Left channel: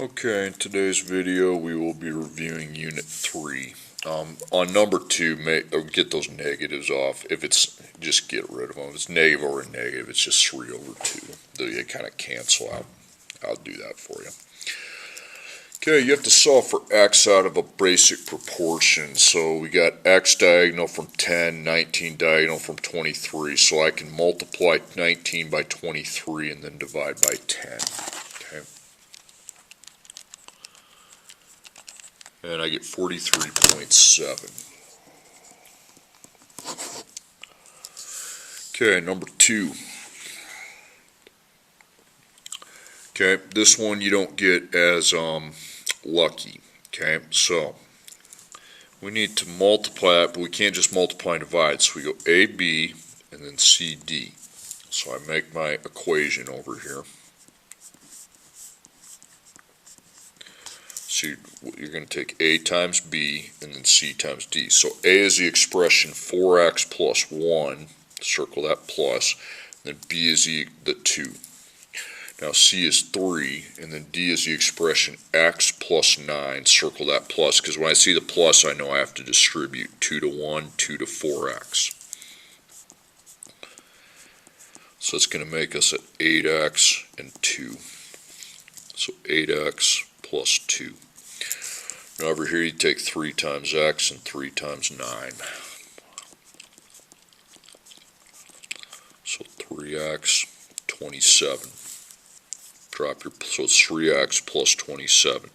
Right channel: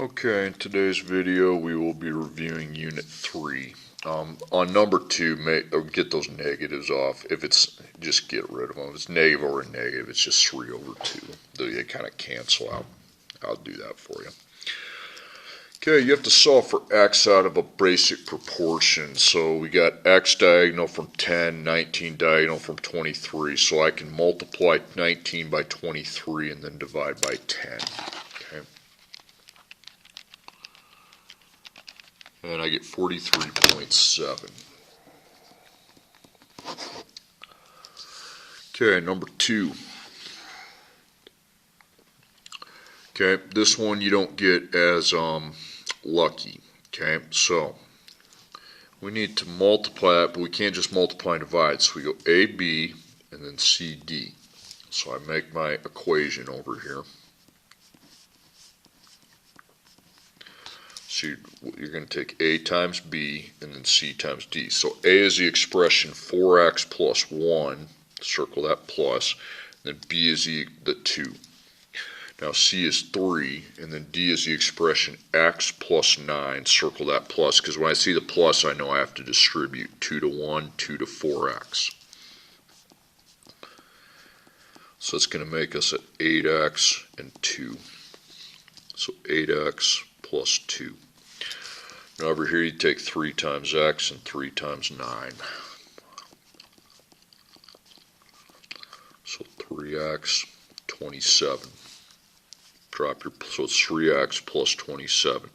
Okay, in today's video we will be reviewing Unit 3. On number 2, get those negatives off. If it's, just get rid of them. If it's negative over negative, it's just 3 over 2. They kind of cancel out. I'll do that for you. Okay, you have to solve for x out of a basic proportion. So we got x diagonal from 10, 19 diagonal from 23. So I can multiply 19 by 23 and then divide by 10. Okay. And I get 43.7. Okay, number 2. Okay, this one you don't get as lucky. Okay, so we need to multiply it, but we can't just multiply and divide. So we go AB and then CD. So I make my equation over here. So you're going to take A times B and then C times D. So A is the expression 4x plus 1, circle that plus, and then B is the 2. Now C is 3, and then D is the expression x plus 9, circle that plus, because when I see the plus I know I have to distribute 2 to 1, 2 to 4x. So it's going to make us at 8x and 2. So 8x plus 2. Now over here you take 3 times x and 3 times 9. So 3x, 27. Drop your, so it's 3x plus 27.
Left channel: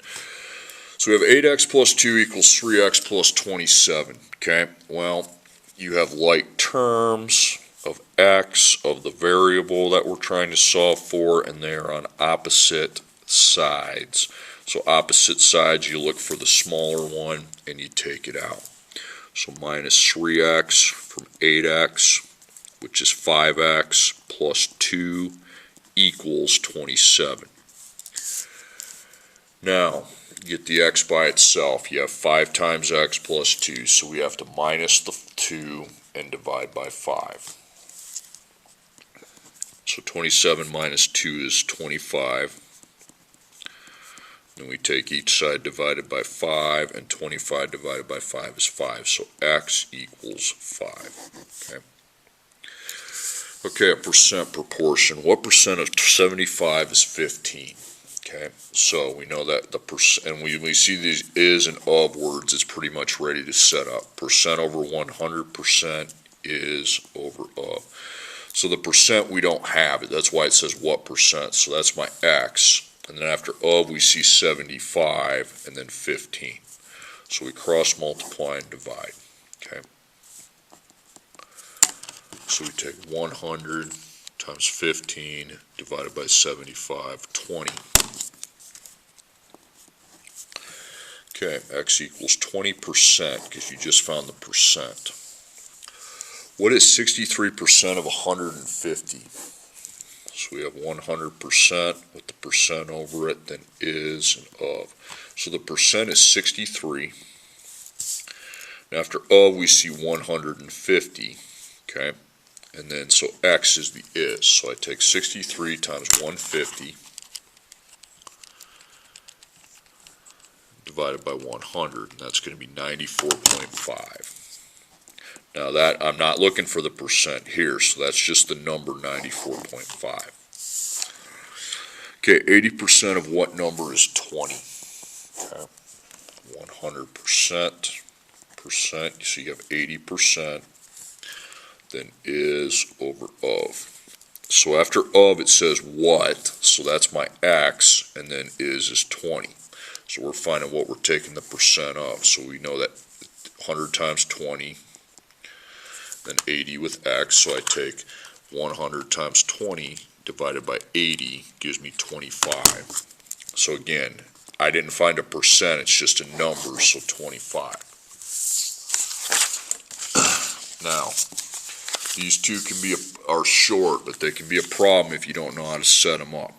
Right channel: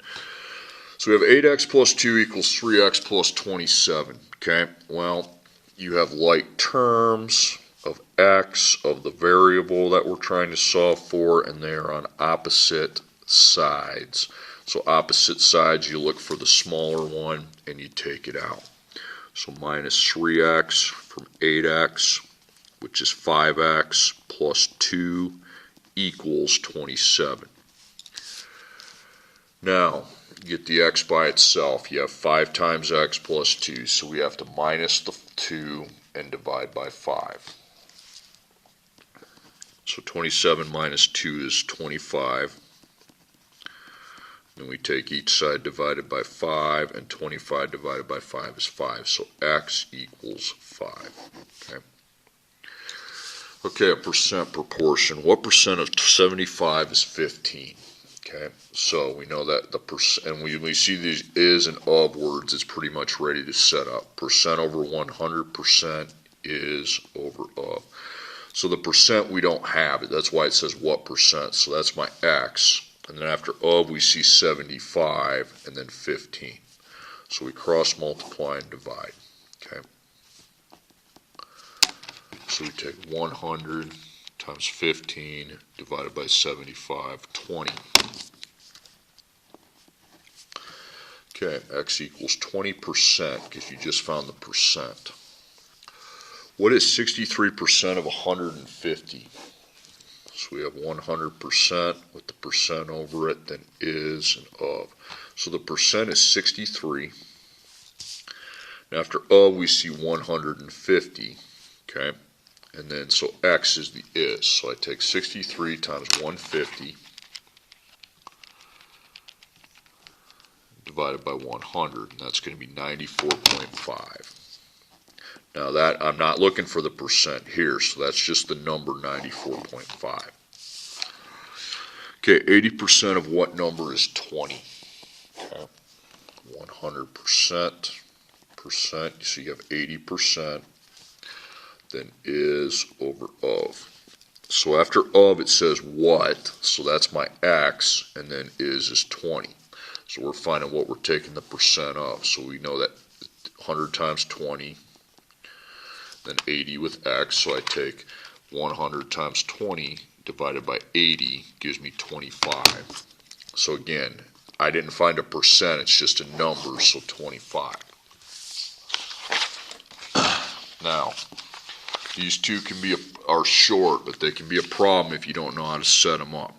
So we have 8x plus 2 equals 3x plus 27. Okay, well, you have like terms of x, of the variable that we're trying to solve for, and they are on opposite sides. So opposite sides, you look for the smaller one and you take it out. So minus 3x from 8x, which is 5x plus 2 equals 27. Now, get the x by itself. You have 5 times x plus 2, so we have to minus the 2 and divide by 5. So 27 minus 2 is 25. Then we take each side divided by 5, and 25 divided by 5 is 5. So x equals 5. Okay. Okay, a percent proportion. What percent of 75 is 15? Okay, so we know that the percent, and when we see these is and of words, it's pretty much ready to set up. Percent over 100% is over of. So the percent we don't have it. That's why it says what percent. So that's my x. And then after of, we see 75 and then 15. So we cross multiply and divide. Okay. So we take 100 times 15 divided by 75, 20. Okay, x equals 20% because you just found the percent. What is 63% of 150? So we have 100% with the percent over it, then is and of. So the percent is 63. Now after of, we see 150. Okay. And then, so x is the is. So I take 63 times 150 divided by 100, and that's going to be 94.5. Now that, I'm not looking for the percent here, so that's just the number 94.5. Okay, 80% of what number is 20? Okay, 100%, so you have 80%. Then is over of. So after of it says what, so that's my x, and then is 20. So we're finding what we're taking the percent of. So we know that 100 times 20, then 80 with x, so I take 100 times 20 divided by 80 gives me 25. So again, I didn't find a percent, it's just a number, so 25. Now, these two can be are short, but they can be a problem if you don't know how to set them up.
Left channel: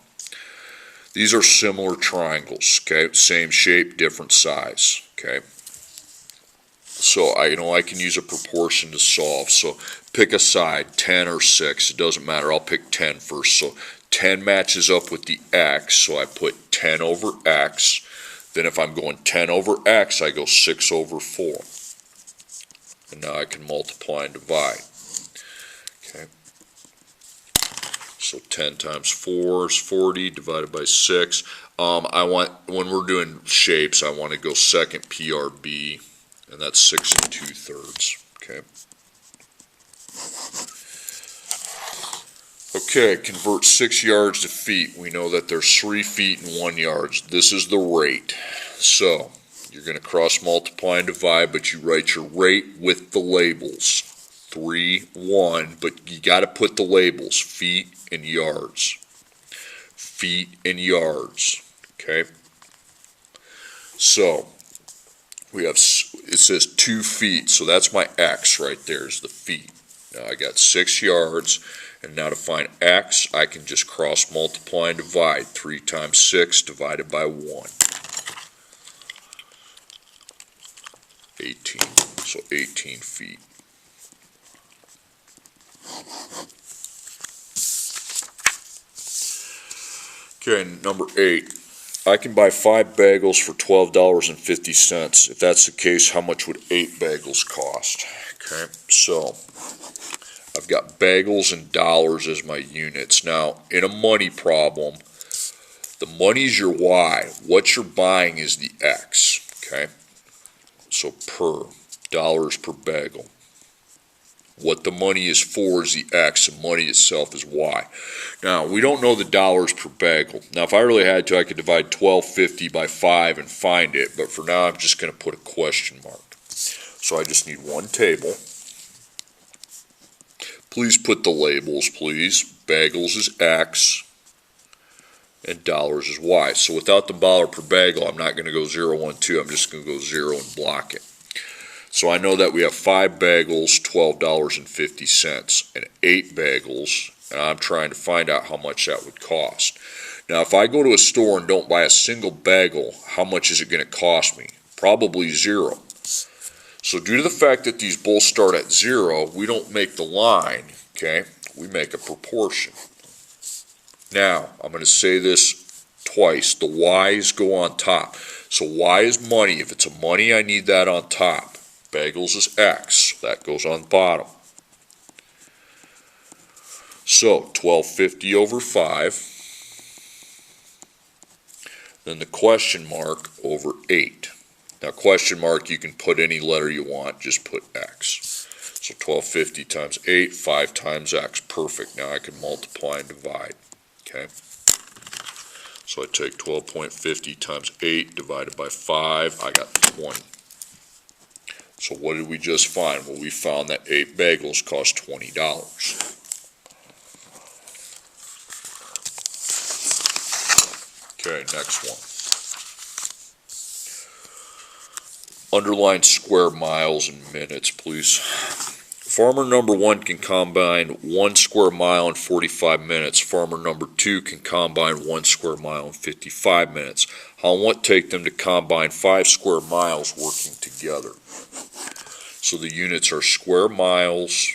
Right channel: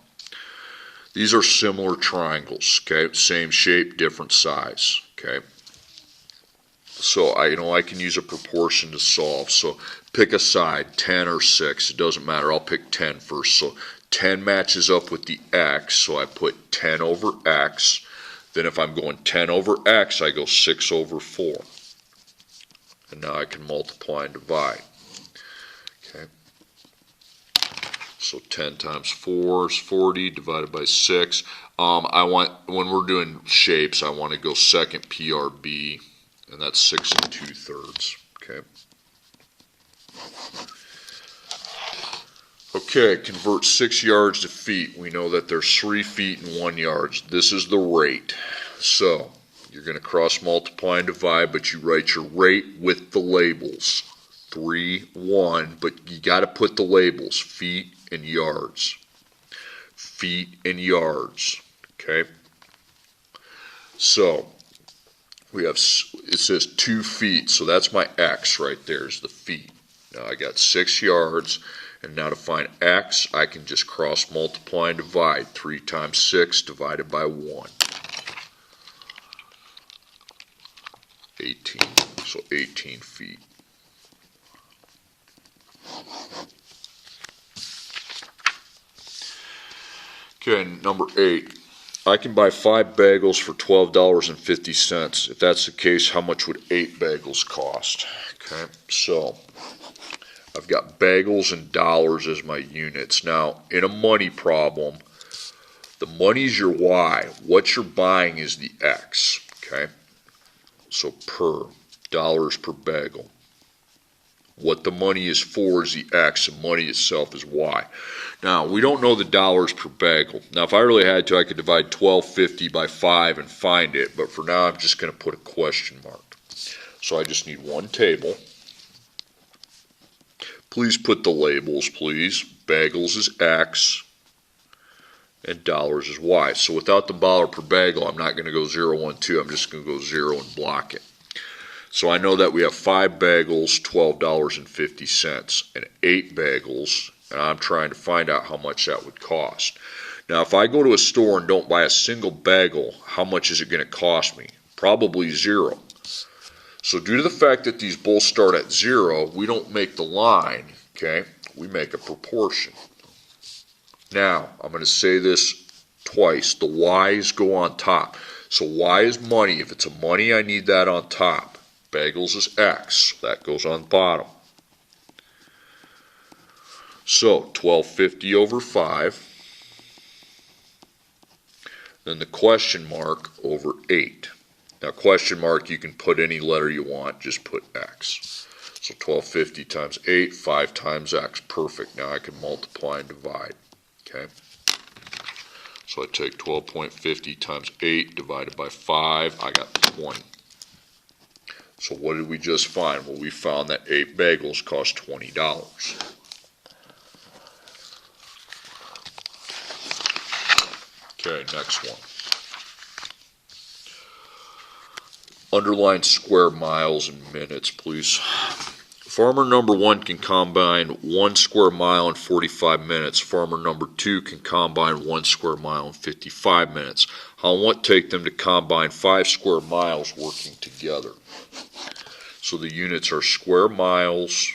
These are similar triangles, okay? Same shape, different size, okay? So I can use a proportion to solve. So pick a side, 10 or 6, it doesn't matter. I'll pick 10 first. So 10 matches up with the x, so I put 10 over x. Then if I'm going 10 over x, I go 6 over 4. And now I can multiply and divide. Okay. So 10 times 4 is 40 divided by 6. When we're doing shapes, I want to go second PRB, and that's 6 2/3. Okay. Okay, convert 6 yards to feet. We know that there's 3 feet and 1 yard. This is the rate. So you're going to cross multiply and divide, but you write your rate with the labels. 3, 1, but you got to put the labels, feet and yards. Feet and yards. Okay. So we have, it says 2 feet, so that's my x right there is the feet. Now I got 6 yards. And now to find x, I can just cross multiply and divide. 3 times 6 divided by 1. 18. So 18 feet. Okay, number 8. I can buy 5 bagels for $12.50. If that's the case, how much would 8 bagels cost? Okay, so I've got bagels and dollars as my units. Now, in a money problem, the money's your y. What you're buying is the x, okay? So per, dollars per bagel. What the money is for is the x, and money itself is y. Now, we don't know the dollars per bagel. Now, if I really had to, I could divide $12.50 by 5 and find it, but for now, I'm just going to put a question mark. So I just need one table. Please put the labels, please. Bagels is X and dollars is Y. So without the dollar per bagel, I'm not going to go 0, 1, 2. I'm just going to go 0 and block it. So I know that we have 5 bagels, $12.50, and 8 bagels, and I'm trying to find out how much that would cost. Now, if I go to a store and don't buy a single bagel, how much is it going to cost me? Probably 0. So due to the fact that these both start at 0, we don't make the line, okay? We make a proportion. Now, I'm going to say this twice. The y's go on top. So y is money. If it's a money, I need that on top. Bagels is x. That goes on bottom. So $12.50 over 5. Then the question mark over 8. Now, question mark, you can put any letter you want, just put x. So $12.50 times 8, 5 times x. Perfect. Now I can multiply and divide. Okay? So I take 12.50 times 8 divided by 5. I got 20. So what did we just find? Well, we found that 8 bagels cost $20. Okay, next one. Underline square miles and minutes, please. Farmer number 1 can combine 1 square mile in 45 minutes. Farmer number 2 can combine 1 square mile in 55 minutes. How long will it take them to combine 5 square miles working together? So the units are square miles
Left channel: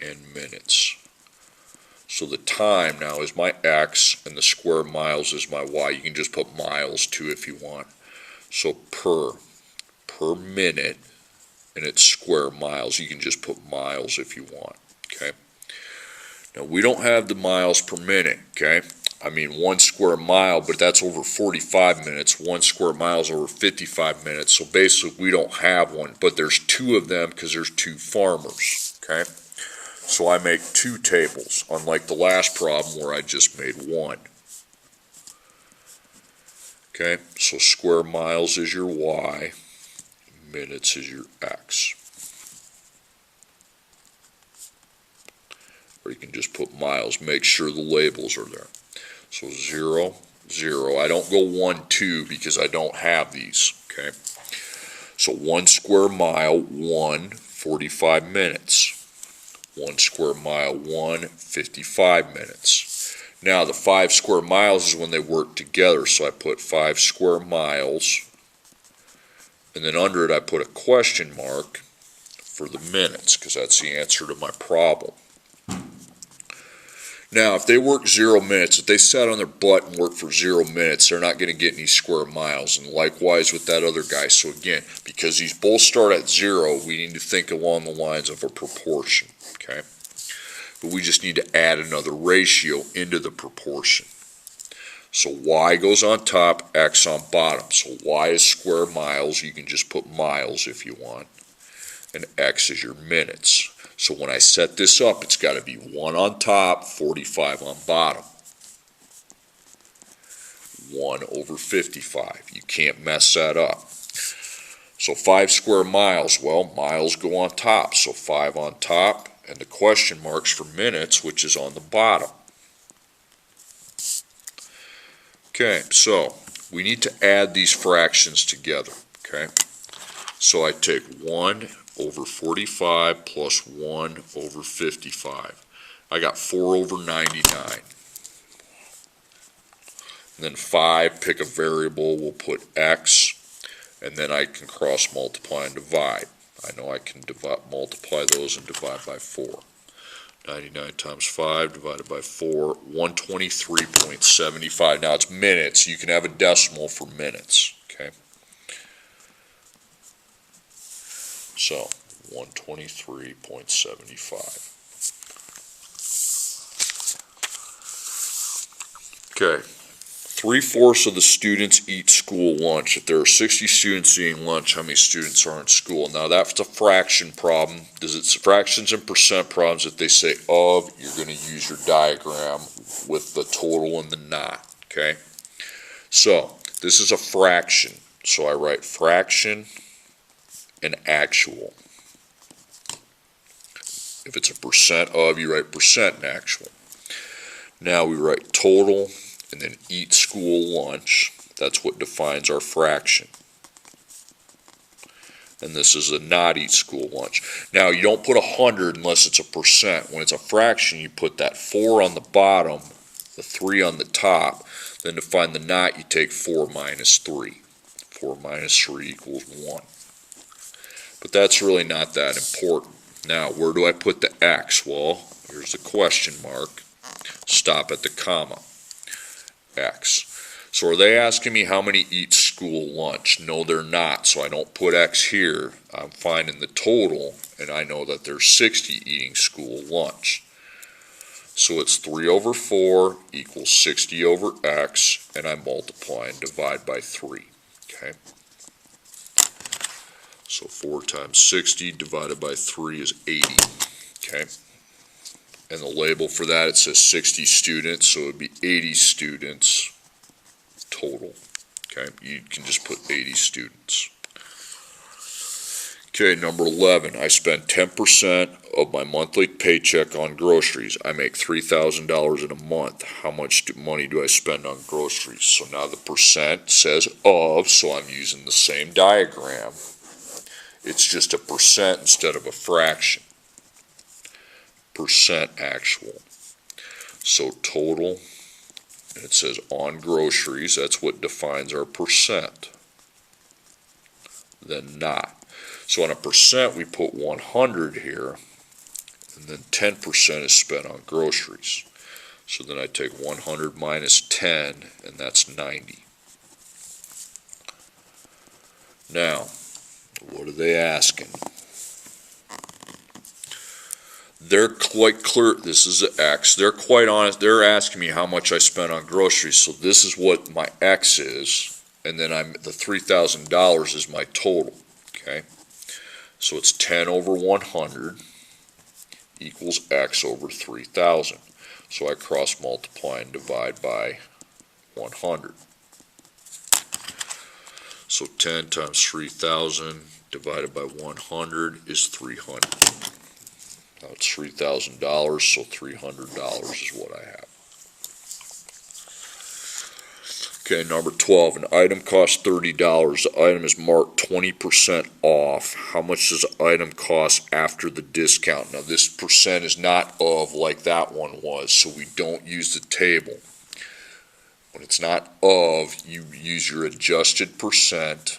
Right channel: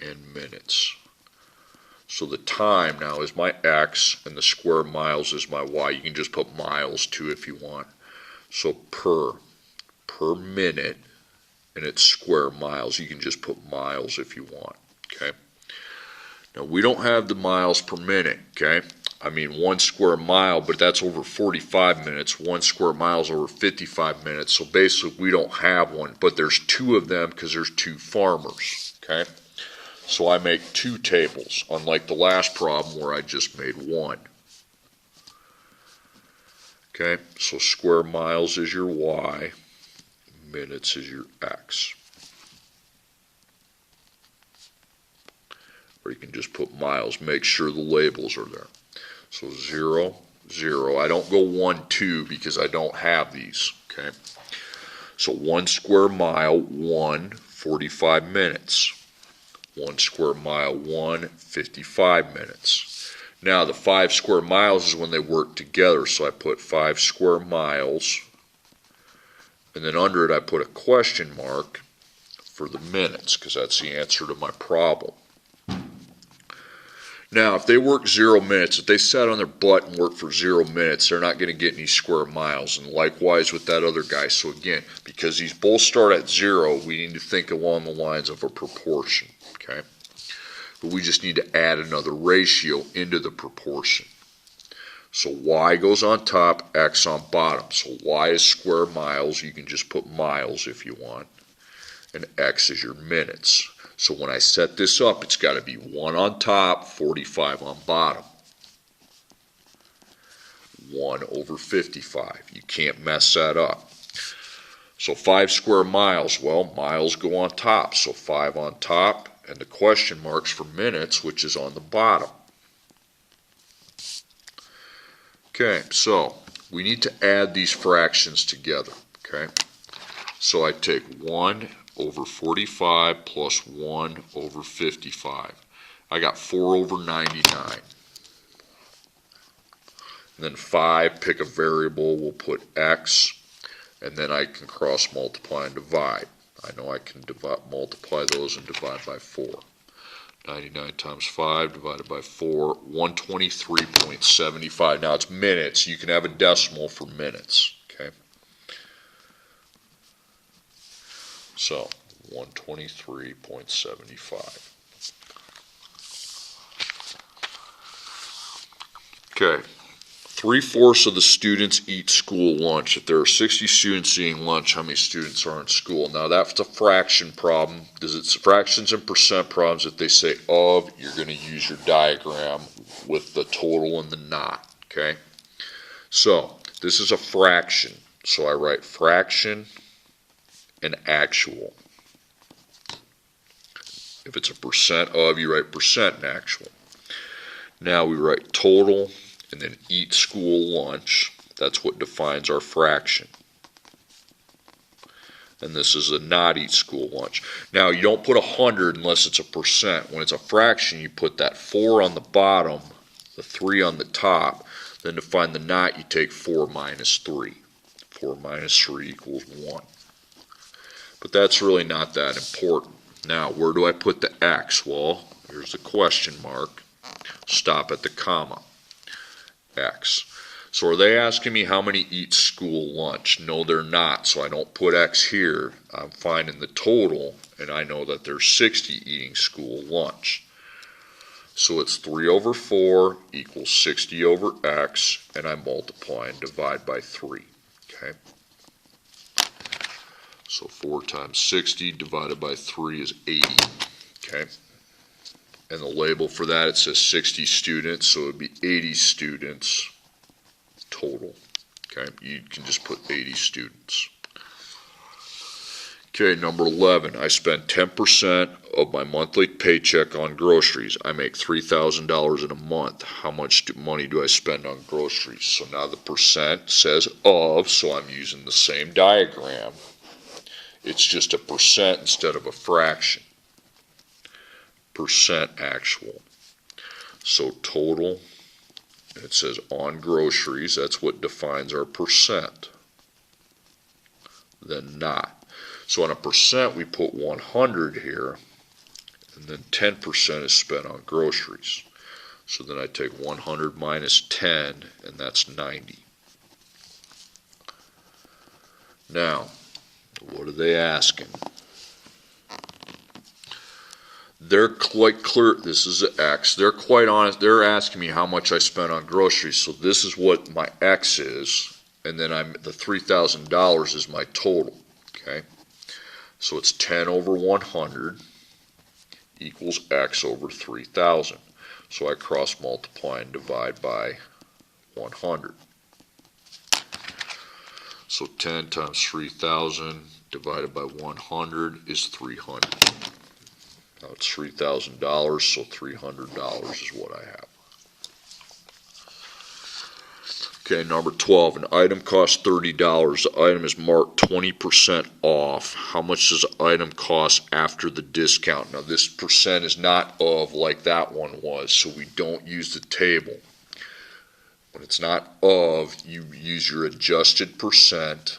and minutes. So the time now is my x and the square miles is my y. You can just put miles too if you want. So per minute, and it's square miles. You can just put miles if you want, okay? Now, we don't have the miles per minute, okay? I mean, 1 square mile, but that's over 45 minutes. 1 square mile is over 55 minutes. So basically, we don't have one, but there's 2 of them because there's 2 farmers, okay? So I make 2 tables, unlike the last problem where I just made 1. Okay, so square miles is your y, minutes is your x. Or you can just put miles, make sure the labels are there. So 0, 0. I don't go 1, 2 because I don't have these, okay? So 1 square mile, 1, 45 minutes. 1 square mile, 1, 55 minutes. Now, the 5 square miles is when they work together, so I put 5 square miles, and then under it I put a question mark for the minutes, because that's the answer to my problem. Now, if they work 0 minutes, if they sat on their butt and worked for 0 minutes, they're not going to get any square miles. And likewise with that other guy. So again, because these both start at 0, we need to think along the lines of a proportion. Okay? But we just need to add another ratio into the proportion. So y goes on top, x on bottom. So y is square miles. You can just put miles if you want. And x is your minutes. So when I set this up, it's got to be 1 on top, 45 on bottom. 1 over 55. You can't mess that up. So 5 square miles, well, miles go on top. So 5 on top, and the question marks for minutes, which is on the bottom. Okay, so we need to add these fractions together. Okay, so I take 1 over 45 plus 1 over 55. I got 4 over 99. And then 5, pick a variable, we'll put x, and then I can cross multiply and divide. I know I can multiply those and divide by 4. 99 times 5 divided by 4, 123.75. Now it's minutes. You can have a decimal for minutes. Okay. So 123.75. Okay. 3/4 of the students eat school lunch. If there are 60 students eating lunch, how many students are in school? Now that's a fraction problem. It's fractions and percent problems. If they say of, you're going to use your diagram with the total and the not. Okay. So this is a fraction. So I write fraction and actual. If it's a percent of, you write percent and actual. Now we write total and then eat school lunch. That's what defines our fraction. And this is a not eat school lunch. Now you don't put 100 unless it's a percent. When it's a fraction, you put that 4 on the bottom, the 3 on the top. Then to find the not, you take 4 minus 3. 4 minus 3 equals 1. But that's really not that important. Now, where do I put the x? Well, here's the question mark. Stop at the comma. X. So are they asking me how many eat school lunch? No, they're not. So I don't put x here. I'm finding the total, and I know that there's 60 eating school lunch. So it's 3 over 4 equals 60 over x, and I multiply and divide by 3. Okay. So 4 times 60 divided by 3 is 80. Okay. And the label for that, it says 60 students, so it would be 80 students total. Okay, you can just put 80 students. Okay, number 11, I spend 10% of my monthly paycheck on groceries. I make $3,000 in a month. How much money do I spend on groceries? So now the percent says of, so I'm using the same diagram. It's just a percent instead of a fraction. Percent actual. So total, and it says on groceries, that's what defines our percent. Then not. So on a percent, we put 100 here, and then 10% is spent on groceries. So then I take 100 minus 10, and that's 90. Now, what are they asking? They're quite clear, this is the X, they're quite honest, they're asking me how much I spent on groceries, so this is what my X is, and then the $3,000 is my total, okay? So it's 10 over 100 equals X over 3,000. So I cross multiply and divide by 100. So 10 times 3,000 divided by 100 is 300. Now it's $3,000, so $300 is what I have. Okay, number 12, an item costs $30. The item is marked 20% off. How much does the item cost after the discount? Now this percent is not of like that one was, so we don't use the table. When it's not of, you use your adjusted percent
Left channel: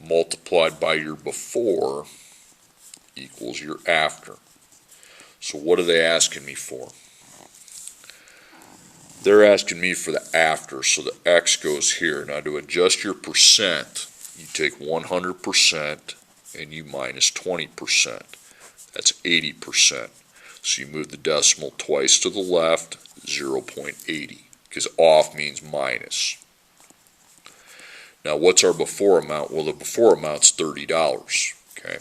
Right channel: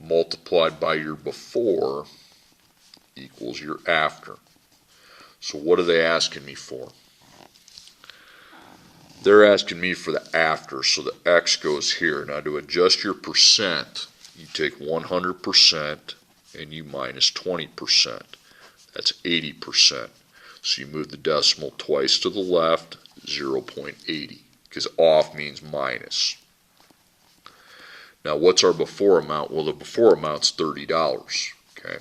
multiplied by your before equals your after. So what are they asking me for? They're asking me for the after, so the x goes here. Now to adjust your percent, you take 100% and you minus 20%. That's 80%. So you move the decimal twice to the left, 0.80, because off means minus. Now what's our before amount? Well, the before amount's $30, okay?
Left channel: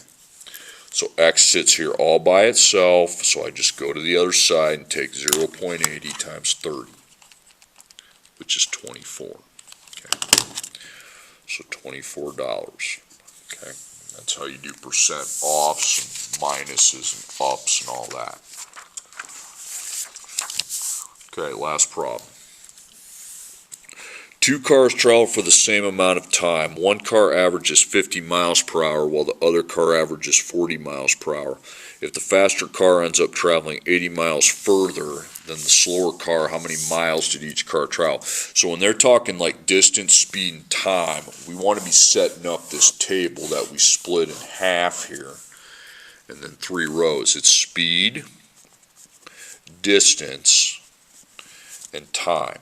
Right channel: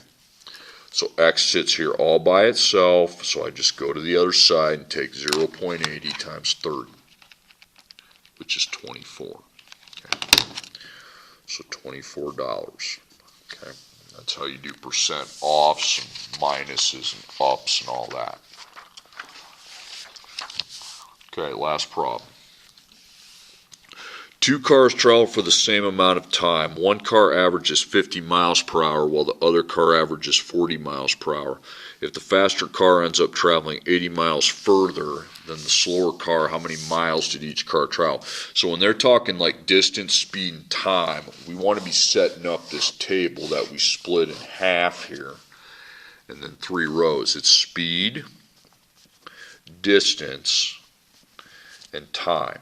So x sits here all by itself, so I just go to the other side and take 0.80 times 30, which is 24. Okay. So $24. Okay. That's how you do percent offs and minuses and ups and all that. Okay, last problem. Two cars travel for the same amount of time. One car averages 50 miles per hour while the other car averages 40 miles per hour. If the faster car ends up traveling 80 miles further than the slower car, how many miles did each car travel? So when they're talking like distance, speed, and time, we want to be setting up this table that we split in half here and then 3 rows. It's speed, distance, and time.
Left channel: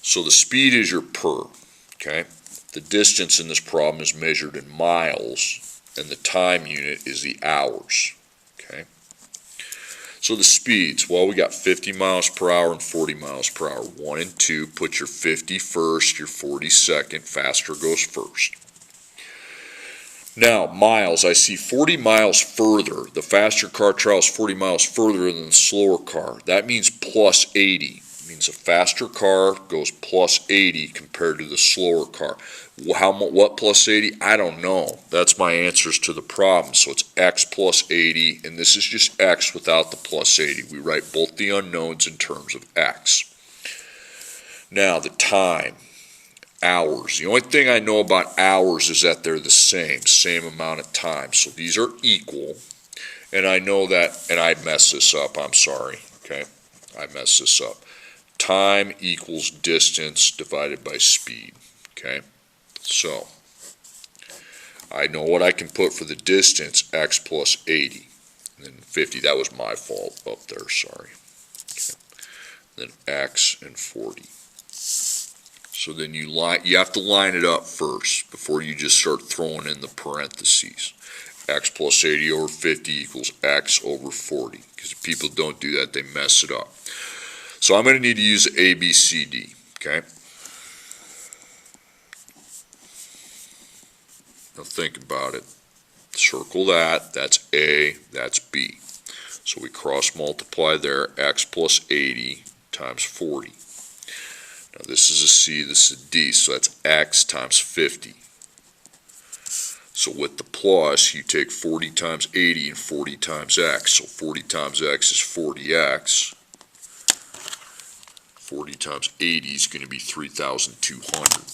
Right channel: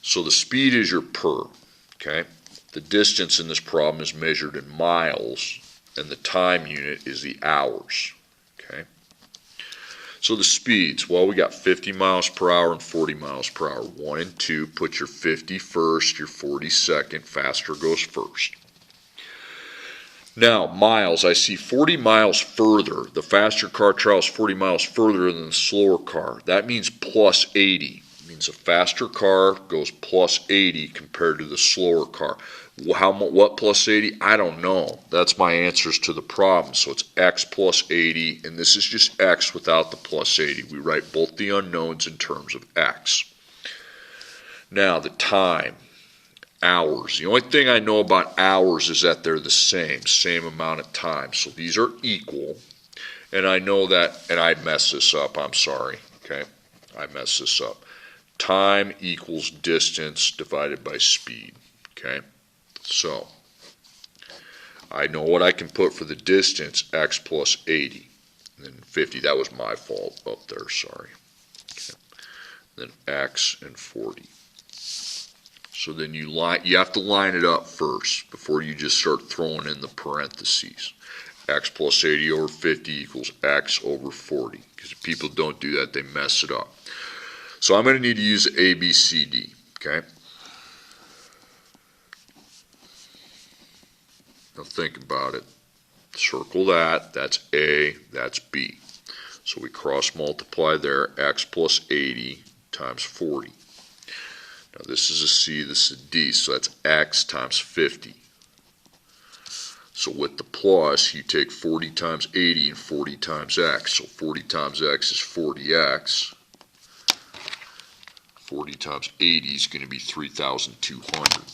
So the speed is your per, okay? The distance in this problem is measured in miles, and the time unit is the hours, okay? So the speeds, well, we got 50 miles per hour and 40 miles per hour. 1 and 2, put your 50 first, your 40 second, faster goes first. Now, miles, I see 40 miles further. The faster car travels 40 miles further than the slower car. That means plus 80. Means a faster car goes plus 80 compared to the slower car. What plus 80? I don't know. That's my answers to the problem. So it's x plus 80, and this is just x without the plus 80. We write both the unknowns in terms of x. Now the time, hours. The only thing I know about hours is that they're the same amount of time. So these are equal, and I know that, and I messed this up, I'm sorry, okay? I messed this up. Time equals distance divided by speed, okay? So, I know what I can put for the distance, x plus 80. And then 50, that was my fault up there, sorry. Okay. Then x and 40. So then you have to line it up first before you just start throwing in the parentheses. X plus 80 over 50 equals x over 40. Because if people don't do that, they mess it up. So I'm going to need to use A, B, C, D, okay? Now think about it. Circle that. That's A, that's B. So we cross multiply there, x plus 80 times 40. Now this is a C, this is a D, so that's x times 50. So with the plus, you take 40 times 80 and 40 times x. So 40 times x is 40x. 40 times 80 is going to be 3,200.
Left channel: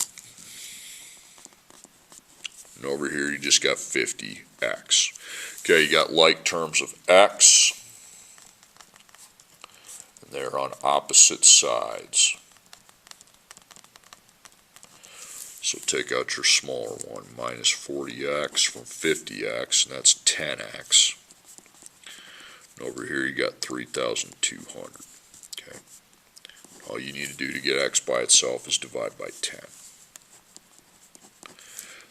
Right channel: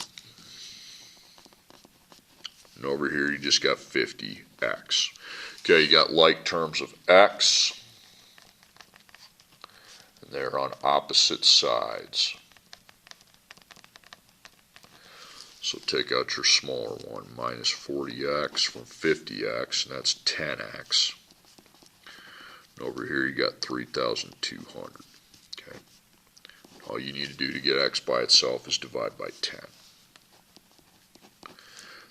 And over here you just got 50x. Okay, you got like terms of x. And they're on opposite sides. So take out your smaller one, minus 40x from 50x, and that's 10x. And over here you got 3,200. Okay. All you need to do to get x by itself is divide by 10.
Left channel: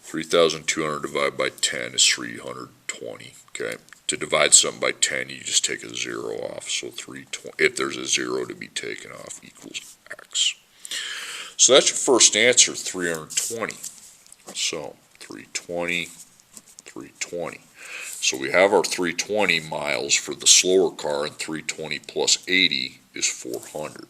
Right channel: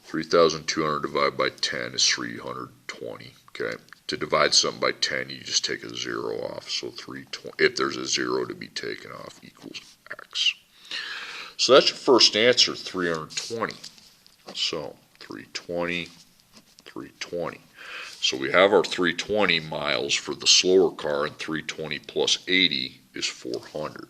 3,200 divided by 10 is 320. Okay. To divide something by 10, you just take a 0 off. So 320, if there's a 0 to be taken off, equals x. So that's your first answer, 320. So 320, 320. So we have our 320 miles for the slower car, and 320 plus 80 is 400.